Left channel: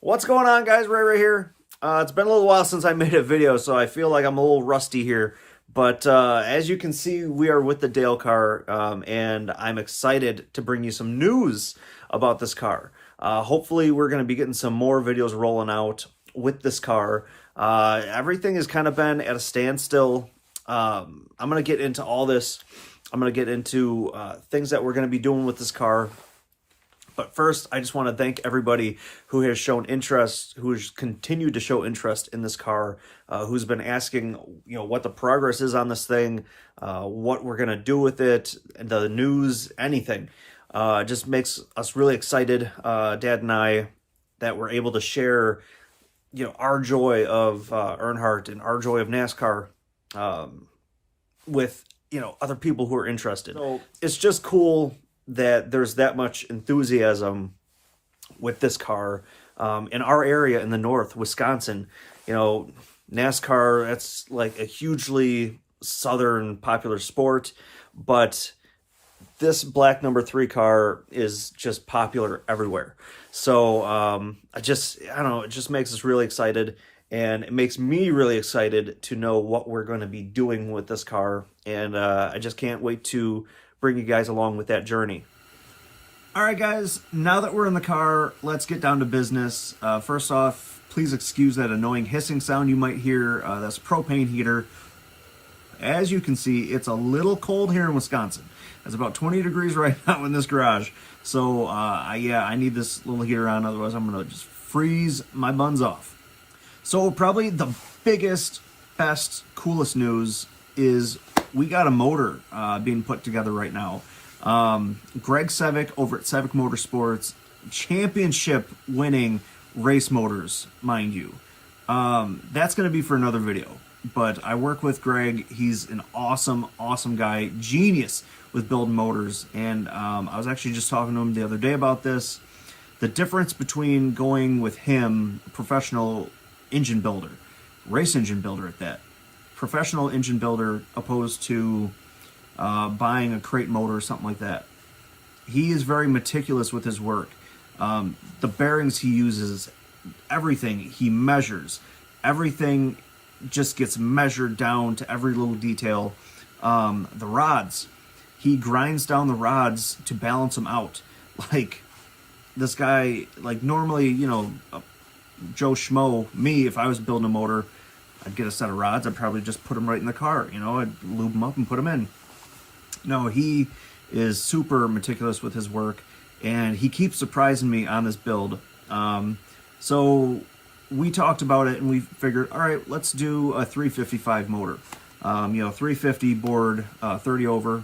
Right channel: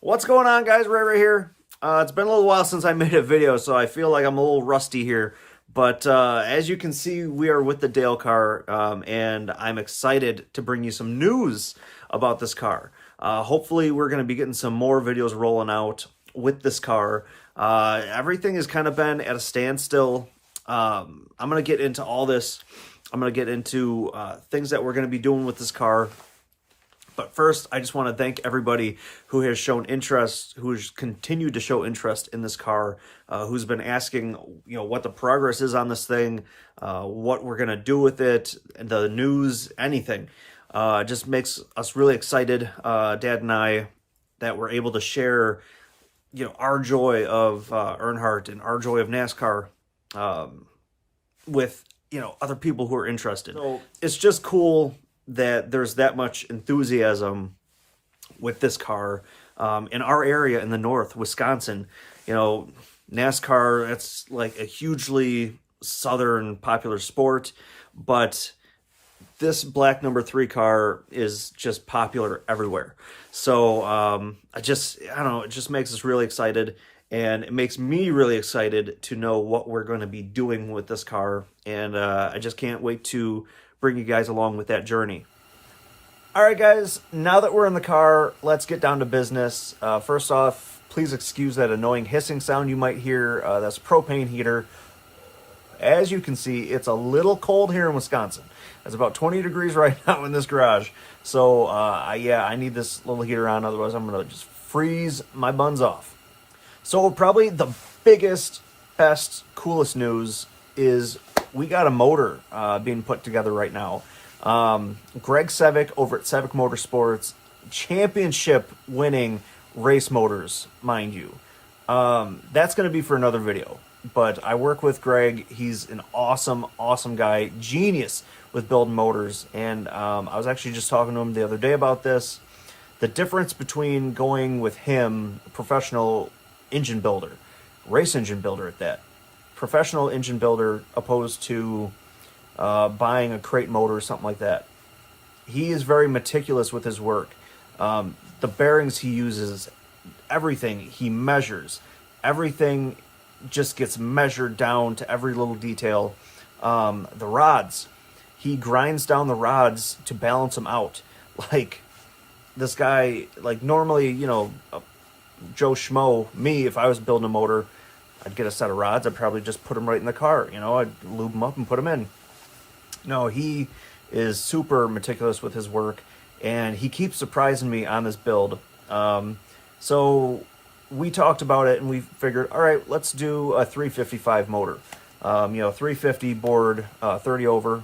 What's going on, guys? Ray right here. It's been a little while since I made a video, so I feel like I'm a little rusty here. But as you can see, we are with the Dale car, and I'm excited to bring you some news about this car. Hopefully, we're going to be getting some more videos rolling out with this car. Everything has kind of been at a standstill. I'm going to get into all this. I'm going to get into things that we're going to be doing with this car. But first, I just want to thank everybody who has shown interest, who has continued to show interest in this car, who's been asking, what the progress is on this thing, what we're going to do with it, the news, anything. It just makes us really excited, Dad and I, that we're able to share, our joy of Earnhardt and our joy of NASCAR with, other people who are interested. So it's just cool that there's that much enthusiasm with this car in our area in the north, Wisconsin. NASCAR, that's like a hugely southern popular sport, but this black number 3 car is just popular everywhere. So I don't know, it just makes us really excited, and it makes me really excited to know what we're going to be doing with this car, and I just can't wait to bring you guys along with that journey. All right, guys, now that we're in the car, let's get down to business. First off, please excuse that annoying hissing sound you might hear. That's a propane heater. As you can see, it's a little cold here in Wisconsin. It's about 20 degrees right now in this garage. So, I need this little heater on, otherwise I'm going to just freeze my buns off. So probably the biggest, best, coolest news is we got a motor being put together right now. Greg Sevick over at Sevick Motorsports, championship winning race motors, mind you. That's going to be for another video, but I work with Greg. He's an awesome, awesome guy, genius with building motors. And I was actually just talking to him the other day about this. The difference between going with him, professional engine builder, race engine builder at that, professional engine builder, opposed to buying a crate motor or something like that. He is very meticulous with his work. The bearings he uses, everything he measures, everything just gets measured down to every little detail. The rods, he grinds down the rods to balance them out. Like, this guy, like, normally, Joe Schmo, me, if I was building a motor, I'd get a set of rods, I'd probably just put them right in the car. I'd lube them up and put them in. No, he is super meticulous with his work, and he keeps surprising me on this build. So we talked about it, and we figured, all right, let's do a 355 motor. 350 board, 30 over.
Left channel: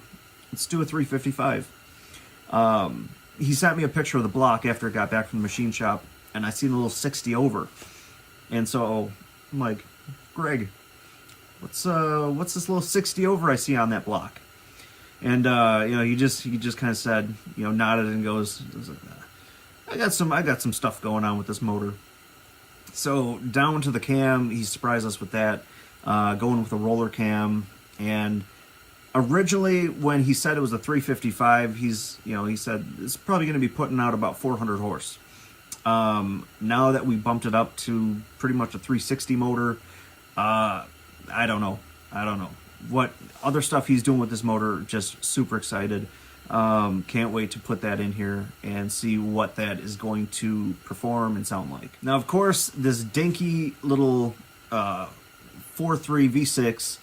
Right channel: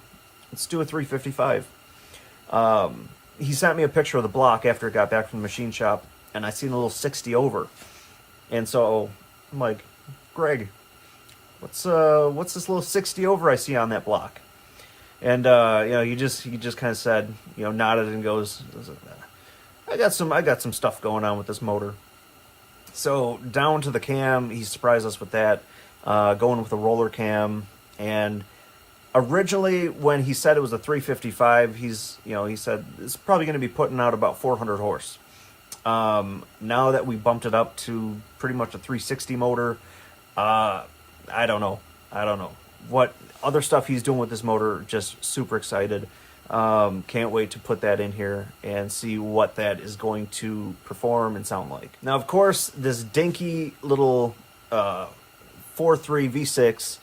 Let's do a 355. He sent me a picture of the block after it got back from the machine shop, and I seen a little 60 over. And so I'm like, Greg, what's this little 60 over I see on that block? And he just kind of said, nodded and goes, I got some stuff going on with this motor. So down to the cam, he surprised us with that, going with a roller cam. And originally, when he said it was a 355, he said it's probably going to be putting out about 400 horse. Now that we bumped it up to pretty much a 360 motor, I don't know what other stuff he's doing with this motor. Just super excited. Can't wait to put that in here and see what that is going to perform and sound like. Now, of course, this dinky little 4.3 V6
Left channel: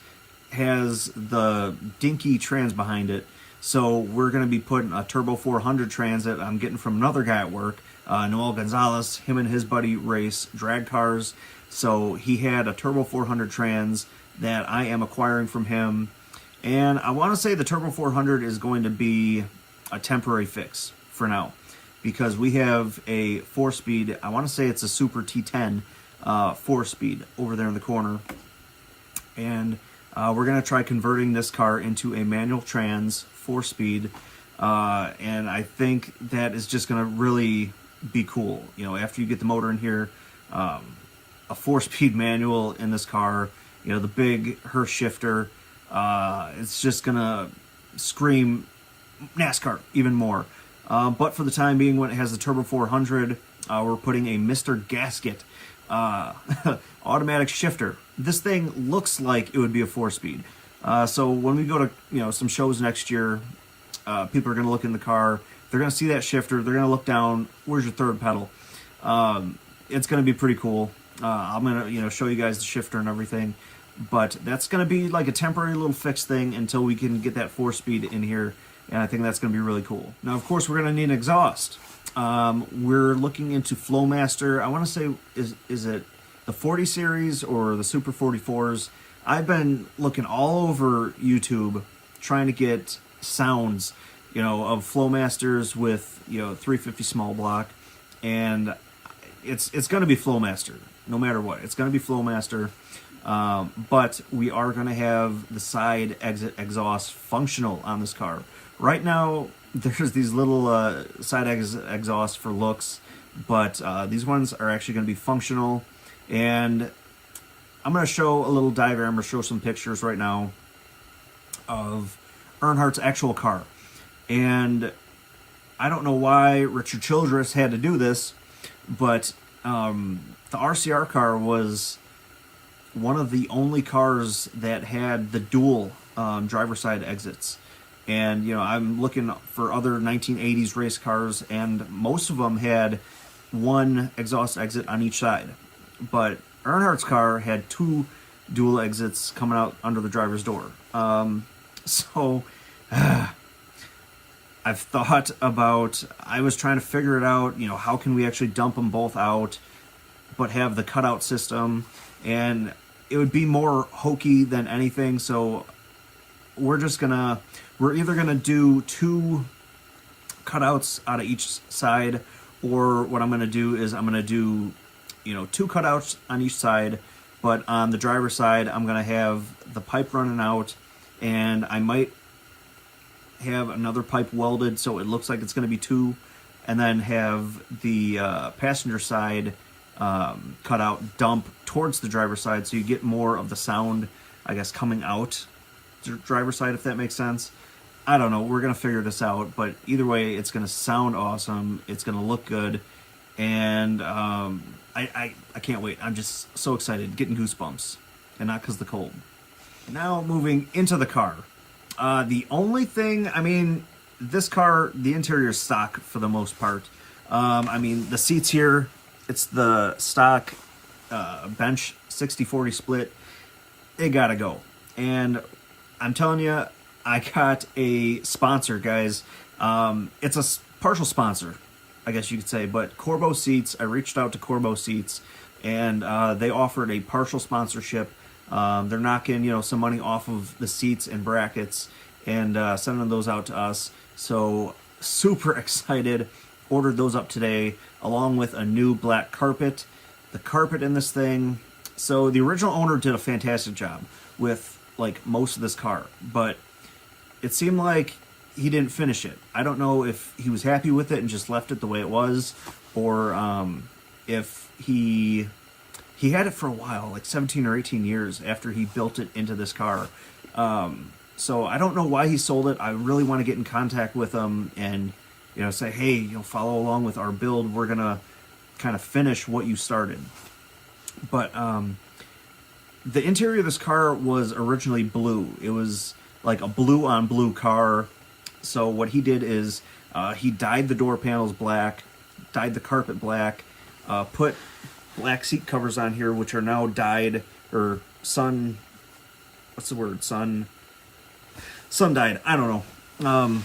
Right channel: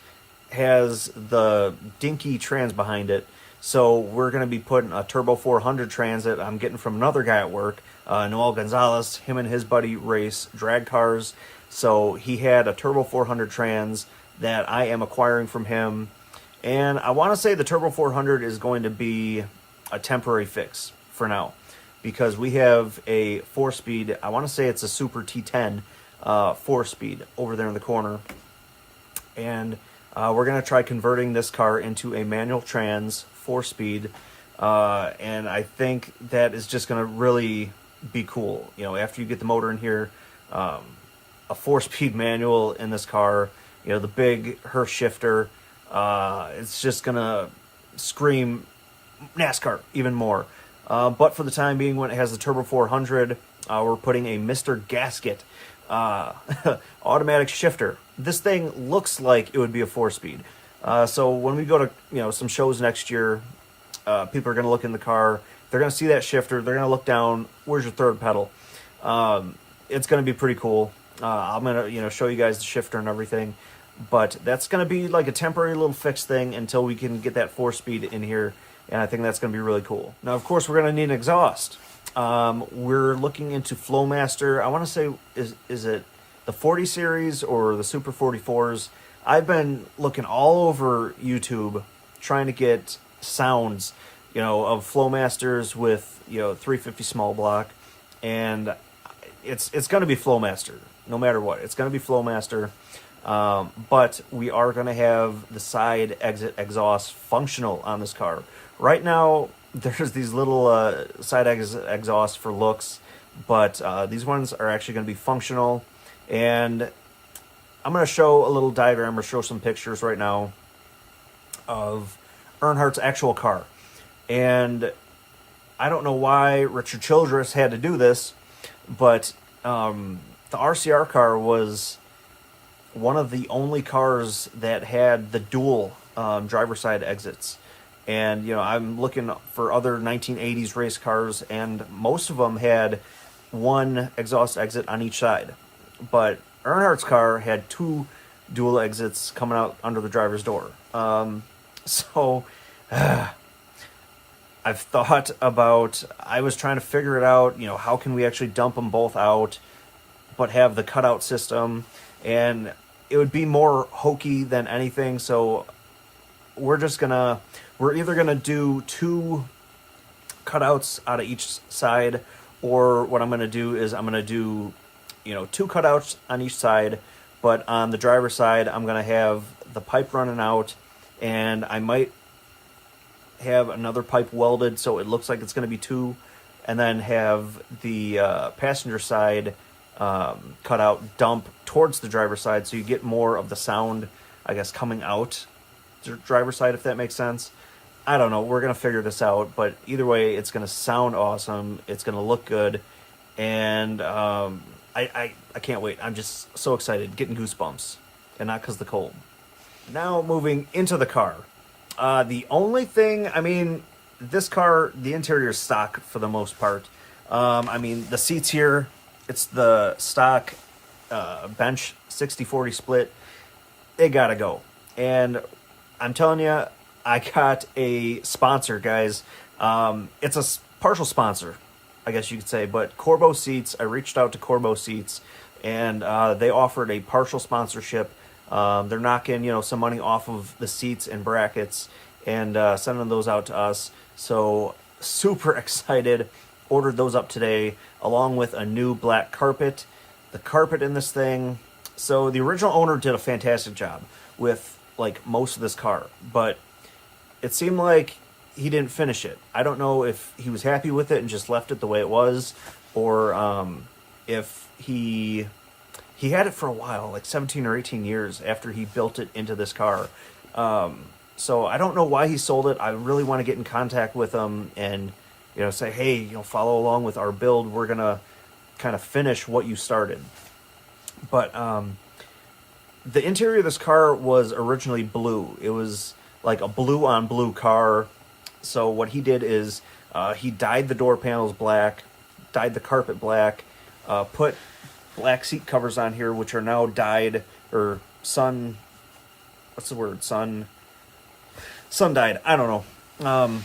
has the dinky trans behind it. So we're going to be putting a Turbo 400 trans that I'm getting from another guy at work, Noel Gonzalez. Him and his buddy race drag cars. So he had a Turbo 400 trans that I am acquiring from him. And I want to say the Turbo 400 is going to be a temporary fix for now, because we have a 4-speed, I want to say it's a Super T10 4-speed over there in the corner. And we're going to try converting this car into a manual trans 4-speed. And I think that is just going to really be cool. After you get the motor in here, a 4-speed manual in this car, the big Hurst shifter, it's just going to scream NASCAR even more. But for the time being, when it has the Turbo 400, we're putting a Mr. Gasket automatic shifter. This thing looks like it would be a 4-speed. So when we go to some shows next year, people are going to look in the car. They're going to see that shifter. They're going to look down. Where's your third pedal? It's going to be pretty cool. I'm going to show you guys the shifter and everything. But that's going to be like a temporary little fix thing until we can get that 4-speed in here. And I think that's going to be really cool. Now, of course, we're going to need an exhaust. We're looking into Flowmaster. I want to say, is it the 40 series or the Super 44s? I've been looking all over YouTube trying to get sounds, of Flowmasters with, 350 small block. And it's going to be Flowmaster, no matter what. It's going to be Flowmaster. But we are going to have the side exit exhaust functional on this car. Right now, there's these little side exit exhausts for looks, but these ones are actually going to be functional. And I'm going to show a little diagram or show some pictures right now of Earnhardt's actual car. And I don't know why Richard Childress had to do this, but the RCR car was one of the only cars that had the dual driver side exits. And, I'm looking for other 1980s race cars, and most of them had one exhaust exit on each side. But Earnhardt's car had 2 dual exits coming out under the driver's door. I've thought about, I was trying to figure it out, how can we actually dump them both out, but have the cutout system, and it would be more hokey than anything. So we're either gonna do 2 cutouts out of each side, or what I'm gonna do is I'm gonna do 2 cutouts on each side, but on the driver's side I'm gonna have the pipe running out, and I might have another pipe welded so it looks like it's gonna be 2, and then have the passenger side cut out dump towards the driver's side, so you get more of the sound, I guess, coming out driver's side, if that makes sense. I don't know. We're going to figure this out, but either way, it's going to sound awesome. It's going to look good, and I can't wait. I'm just so excited, getting goosebumps, and not because of the cold. Now moving into the car. The only thing, this car, the interior is stock for the most part. The seats here, it's the stock bench 60-40 split. They got to go. And I'm telling you, I got a sponsor, guys. It's a partial sponsor, I guess you could say, but Corbo Seats. I reached out to Corbo Seats, and they offered a partial sponsorship. They're knocking, some money off of the seats and brackets and sending those out to us. So super excited. Ordered those up today, along with a new black carpet. The carpet in this thing. So the original owner did a fantastic job with most of this car, but it seemed like he didn't finish it. I don't know if he was happy with it and just left it the way it was, or if he had it for a while, 17 or 18 years after he built it into this car. So I don't know why he sold it. I really want to get in contact with him and say, hey, follow along with our build. We're gonna kind of finish what you started. But the interior of this car was originally blue. It was like a blue on blue car. So what he did is he dyed the door panels black, dyed the carpet black, put black seat covers on here, which are now dyed, or sun dyed, I don't know,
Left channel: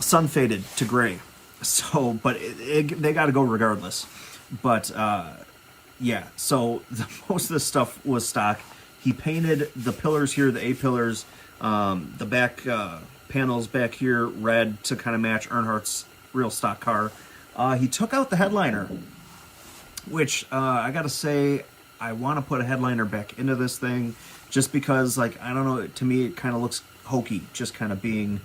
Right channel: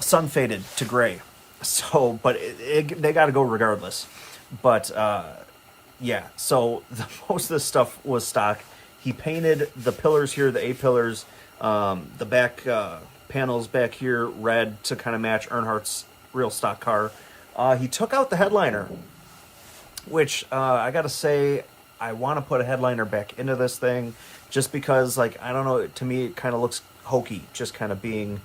sun faded to gray. So, but they got to go regardless. But yeah, so most of this stuff was stock. He painted the pillars here, the A-pillars, the back panels back here red to kind of match Earnhardt's real stock car. He took out the headliner, which I got to say, I want to put a headliner back into this thing just because, I don't know, to me it kind of looks hokey, just kind of being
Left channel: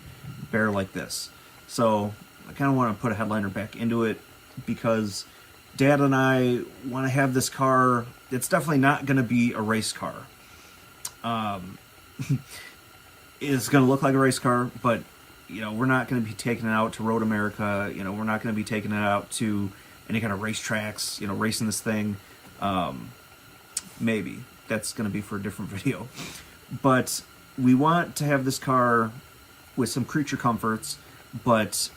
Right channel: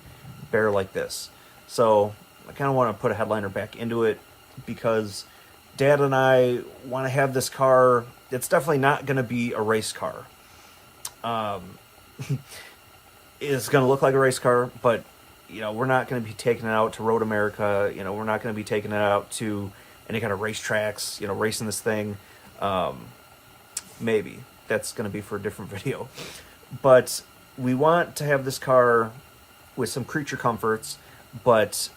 bare like this. So I kind of want to put a headliner back into it because Dad and I want to have this car. It's definitely not going to be a race car. It's going to look like a race car, but, we're not going to be taking it out to Road America. We're not going to be taking it out to any kind of racetracks, you know, racing this thing. Maybe that's going to be for a different video. But we want to have this car with some creature comforts, but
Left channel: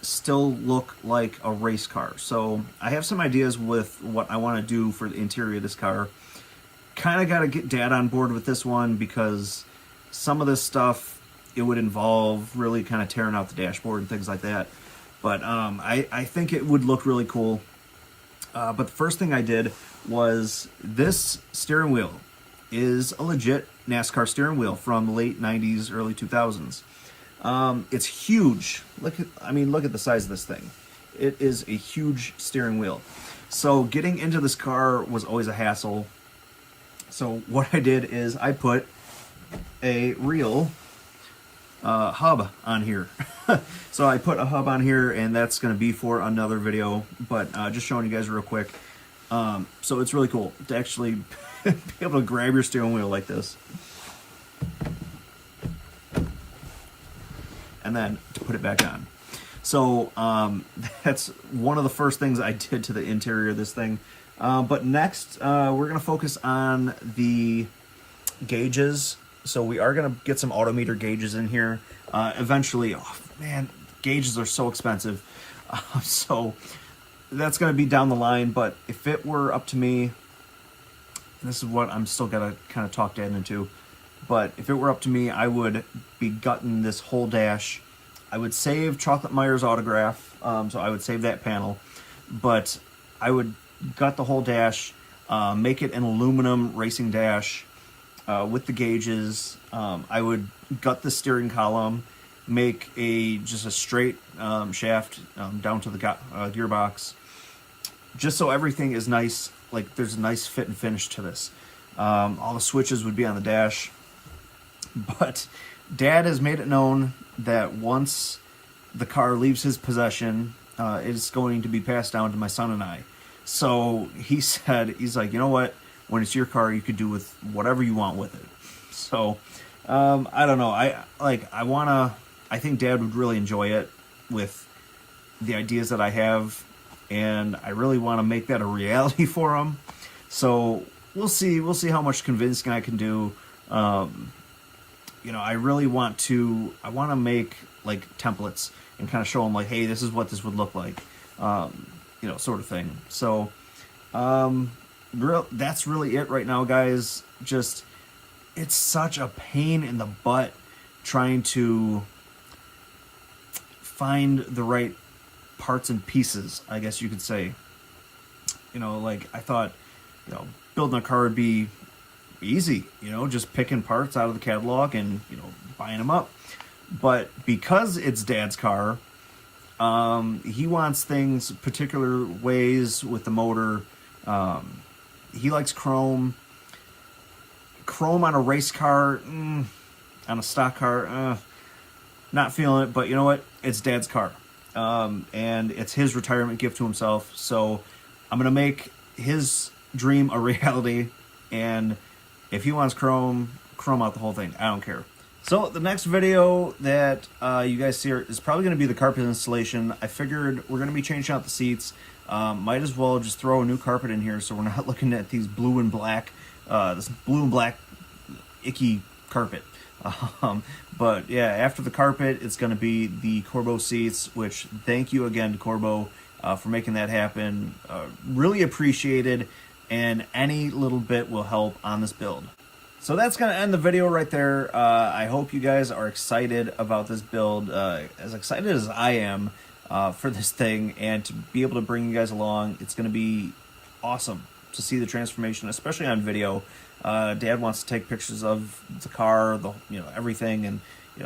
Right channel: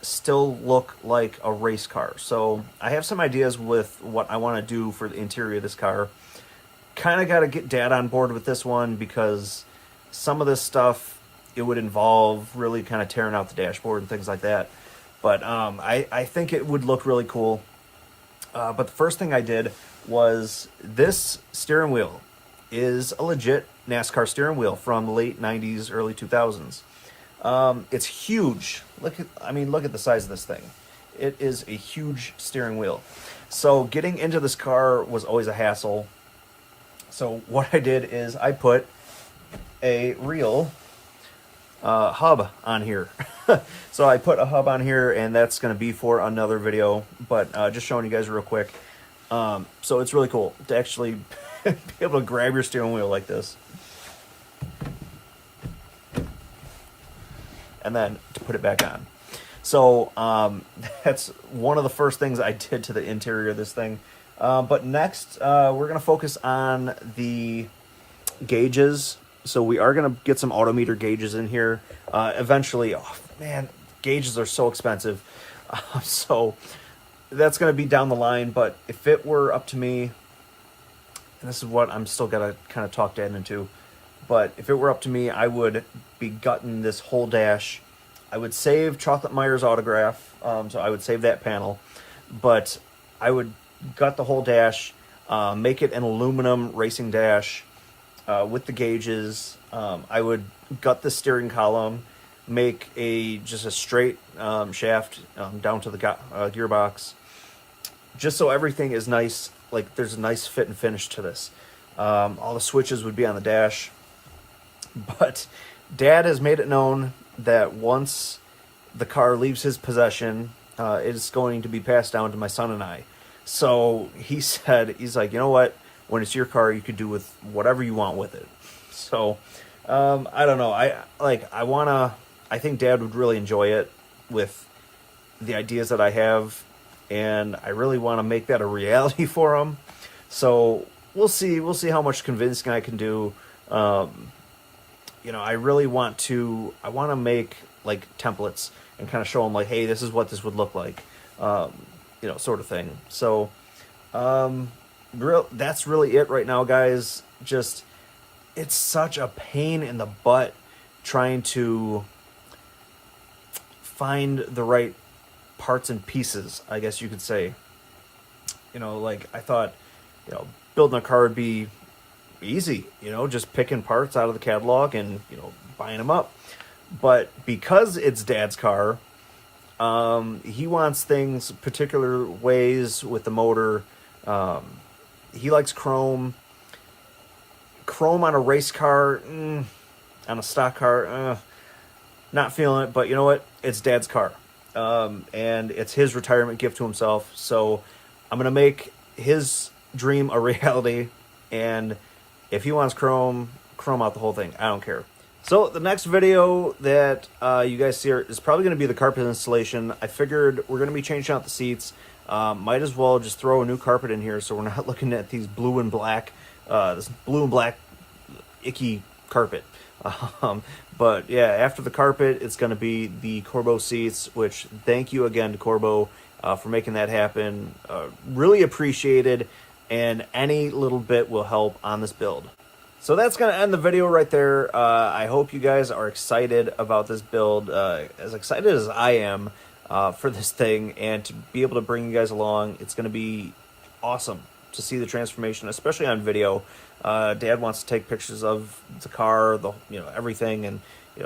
still look like a race car. So I have some ideas with what I want to do for the interior of this car. Kind of got to get Dad on board with this one, because some of this stuff, it would involve really kind of tearing out the dashboard and things like that. But I think it would look really cool. But the first thing I did was, this steering wheel is a legit NASCAR steering wheel from the late 90s, early 2000s. It's huge. Look at the size of this thing. It is a huge steering wheel. So getting into this car was always a hassle. So what I did is I put a real hub on here. So I put a hub on here, and that's going to be for another video, but just showing you guys real quick. So it's really cool to actually be able to grab your steering wheel like this, and then to put it back on. So that's one of the first things I did to the interior of this thing. But next, we're going to focus on the gauges. So we are going to get some autometer gauges in here eventually. Oh man, gauges are so expensive. So that's going to be down the line. But if it were up to me, and this is what I'm still going to kind of talk Dad into, but if it were up to me, I would be gutting this whole dash. I would save Chocolate Meyer's autograph, so I would save that panel, but I would gut the whole dash, make it an aluminum racing dash with the gauges. I would gut the steering column, make just a straight shaft down to the gearbox, just so everything is nice, like there's a nice fit and finish to this. All the switches would be on the dash, but Dad has made it known that once the car leaves his possession, it's going to be passed down to my son and I. So he's like, you know what? When it's your car, you could do with whatever you want with it. So I don't know. I think Dad would really enjoy it with the ideas that I have, and I really want to make that a reality for him. So we'll see how much convincing I can do. You know, I want to make like templates and kind of show them like, hey, this is what this would look like, you know, sort of thing. So, that's really it right now, guys. Just, it's such a pain in the butt trying to find the right parts and pieces, I guess you could say. You know, like I thought, you know, building a car would be easy, you know, just picking parts out of the catalog and, you know, buying them up. But because it's Dad's car, he wants things particular ways with the motor. He likes chrome. Chrome on a race car, on a stock car, not feeling it. But you know what? It's Dad's car, and it's his retirement gift to himself. So I'm gonna make his dream a reality, and if he wants chrome out the whole thing. I don't care. So the next video that you guys see is probably going to be the carpet installation. I figured we're going to be changing out the seats. Might as well just throw a new carpet in here so we're not looking at these blue and black, this blue and black icky carpet. But yeah, after the carpet, it's going to be the Corbeau seats, which thank you again to Corbeau for making that happen. Really appreciated, and any little bit will help on this build. So that's going to end the video right there. I hope you guys are excited about this build, as excited as I am for this thing, and to be able to bring you guys along. It's going to be awesome to see the transformation, especially on video. Dad wants to take pictures of the car, everything, and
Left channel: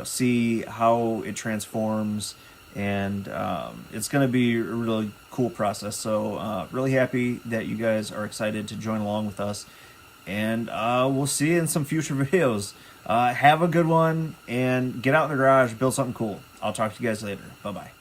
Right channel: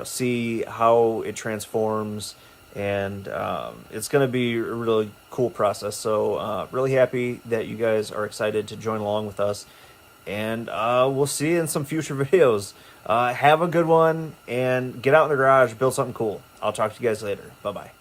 see how it transforms. And it's going to be a really cool process. So really happy that you guys are excited to join along with us. And we'll see you in some future videos. Have a good one, and get out in the garage, build something cool. I'll talk to you guys later. Bye-bye.